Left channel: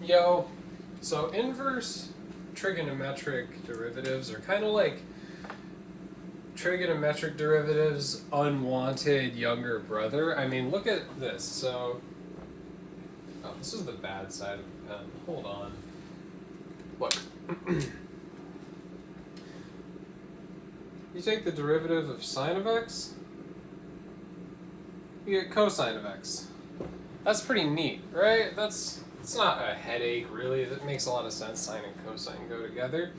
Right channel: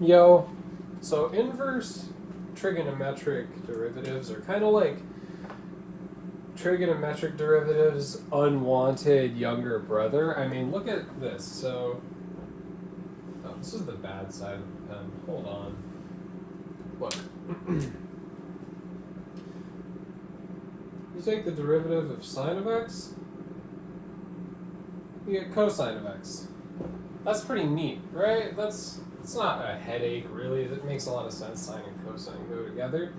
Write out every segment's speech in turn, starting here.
Yo, so inverse trigonometric derivatives are kind of like trigonometric derivatives' unwanted younger brother. I mean, look at this. So, oh, this is the bad side of the pen. Hold on. Look. You take the derivative of sine of x, you get cosine of x. That's pretty neat, right? It's not a headache, really. That makes a lot of sense. Sine and cosine go together.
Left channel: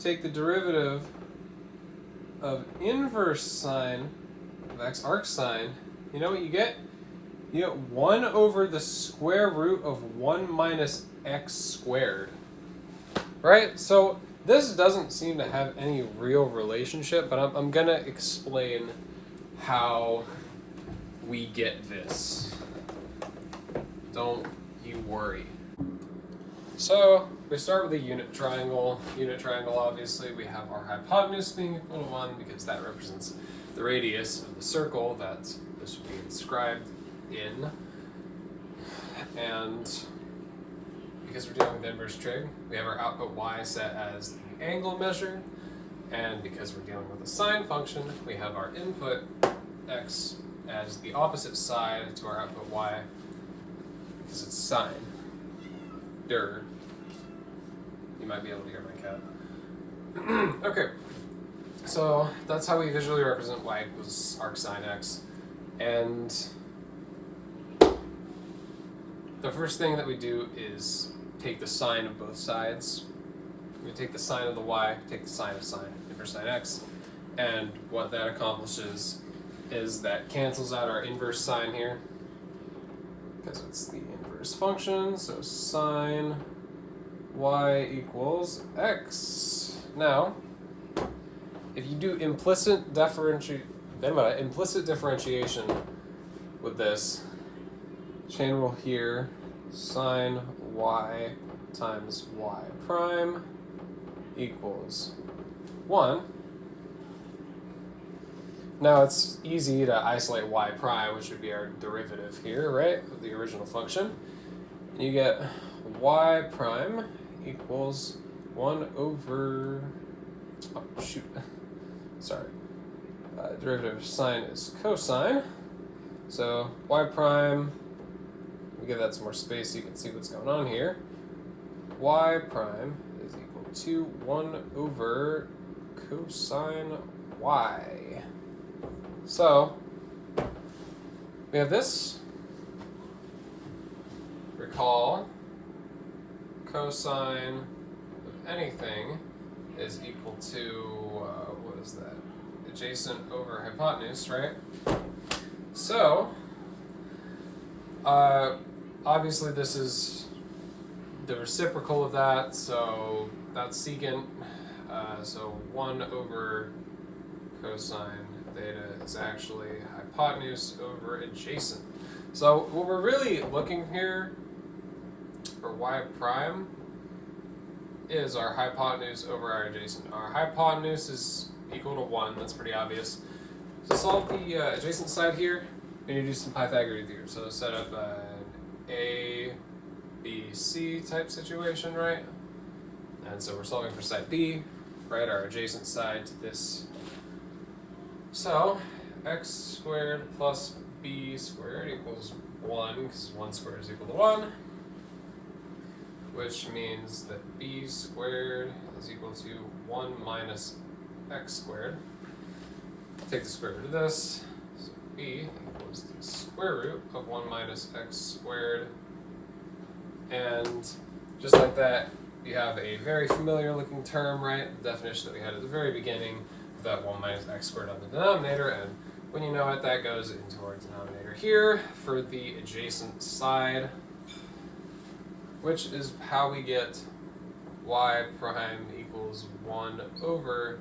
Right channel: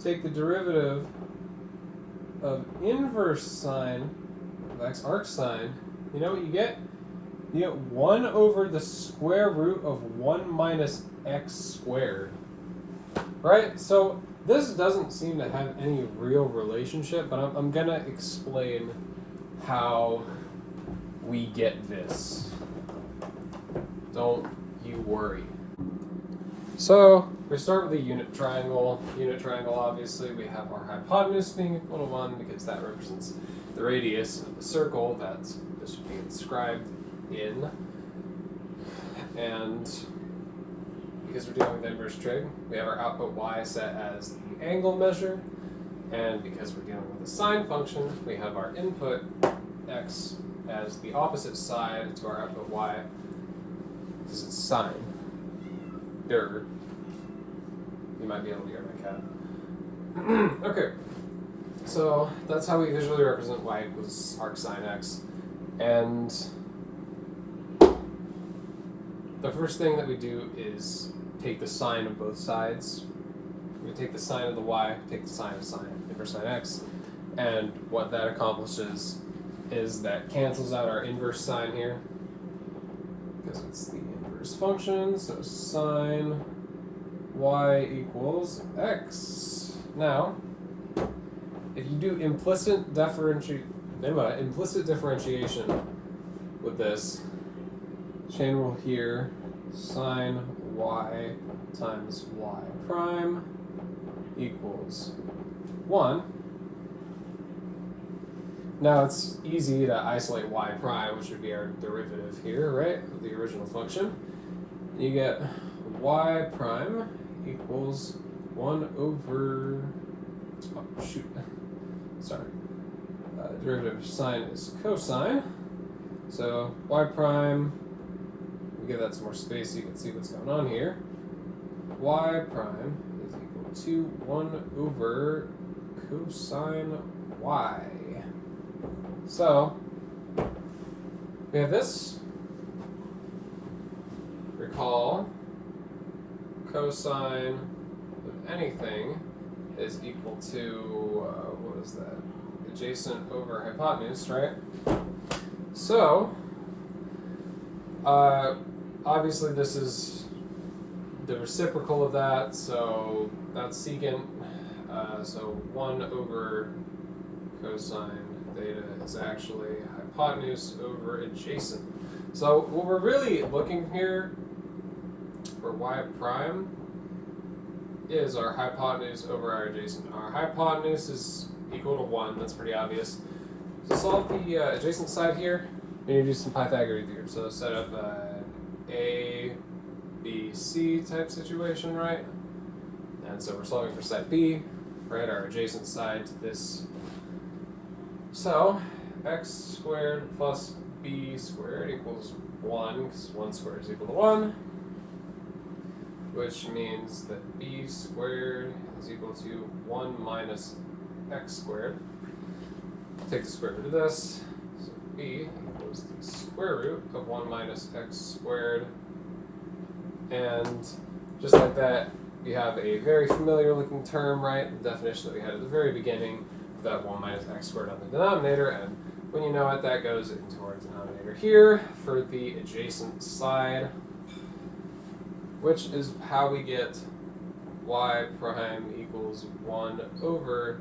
Take the derivative of inverse sine of x, arc sine. You know what you get? You get 1 over the square root of 1 minus x squared. Right? So this doesn't seem to have any real relationship, but I'm going to explain how we get this. Don't you worry. So we start with a unit triangle. Unit triangle, obviously, we have our hypotenuse being equal to 1 because that represents the radius of the circle that this would be inscribed in. And because we're dealing with inverse trig, we have our output y set as the angle measure. And because we're dealing with a sine function, we have our input x as the opposite side to our output y, because it's sine. You might be able to hear my cat. Okay, so that's how we visually represent y equals arc sine x. And the first thing that we do is take the sine of both sides. We take the sine of the y, take the sine of sine, inverse sine x, and what that accomplishes is that cancels out our inverse sine here, because it's the inverse function, so sine y equals x. Now, if you do implicit differentiation with this, chain rule here, sine y times y prime equals 1. Now it's easy to isolate y prime, which would be our derivative here, right, of the original function. You get y prime equals 1 over, oh shoot, sorry, derivative of sine is cosine, so y prime, we give that some more space so you can see what's going on here. Y prime is equal to 1 over cosine y. So we have this. Recall cosine of anything is equal to, what is that? Adjacent over hypotenuse, right? So, obviously this is the reciprocal of that, so that's secant. So 1 over cosine theta is actually hypotenuse over adjacent. So what we're really looking here for y prime is our hypotenuse over our adjacent. Our hypotenuse is equal to 1, that's pretty obvious. To solve the adjacent side here, we need to do some Pythagorean theorem. So set up A, B, C type situation, right? And so we're solving for side B, right, our adjacent side to this. So x squared plus b squared equals 1, because 1 squared is equal to 1, which means that b squared is equal to 1 minus x squared. Take the square root of this, so b equals the square root of 1 minus x squared. And just like that, you have a very familiar looking term, right? The definition that we had at the very beginning of that 1 minus x squared on the denominator, and when you know it, that goes into our denominator here for the adjacent side, which is how we get y prime equals 1 over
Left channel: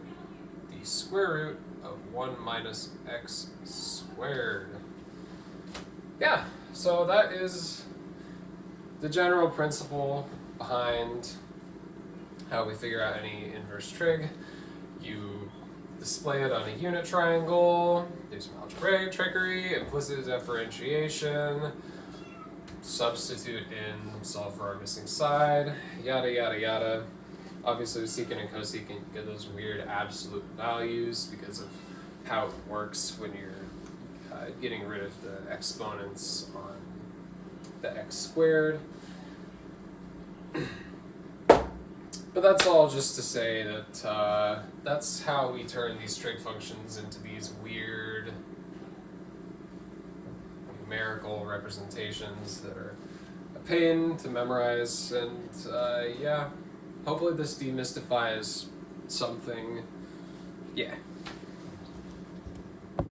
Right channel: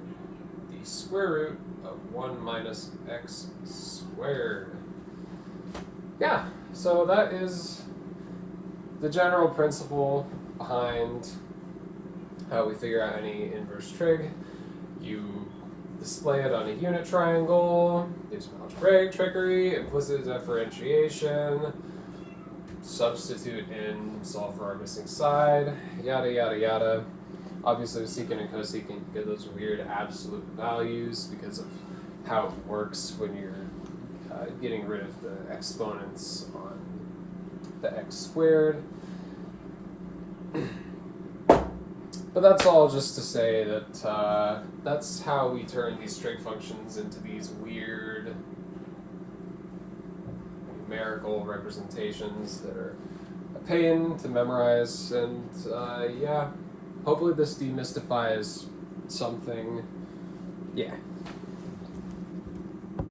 the square root of 1 minus x squared. Yeah, so that is the general principle behind how we figure out any inverse trig. You display it on a unit triangle, do some algebraic trickery, implicit differentiation, substitute in, solve for our missing side, yada yada yada. Obviously with secant and cosecant you get those weird absolute values because of how it works when you're getting rid of the exponents on the x squared. But that's all just to say that that's how we turn these trig functions into these weird numerical representations that are a pain to memorize, and yeah, hopefully this demystifies something. Yeah.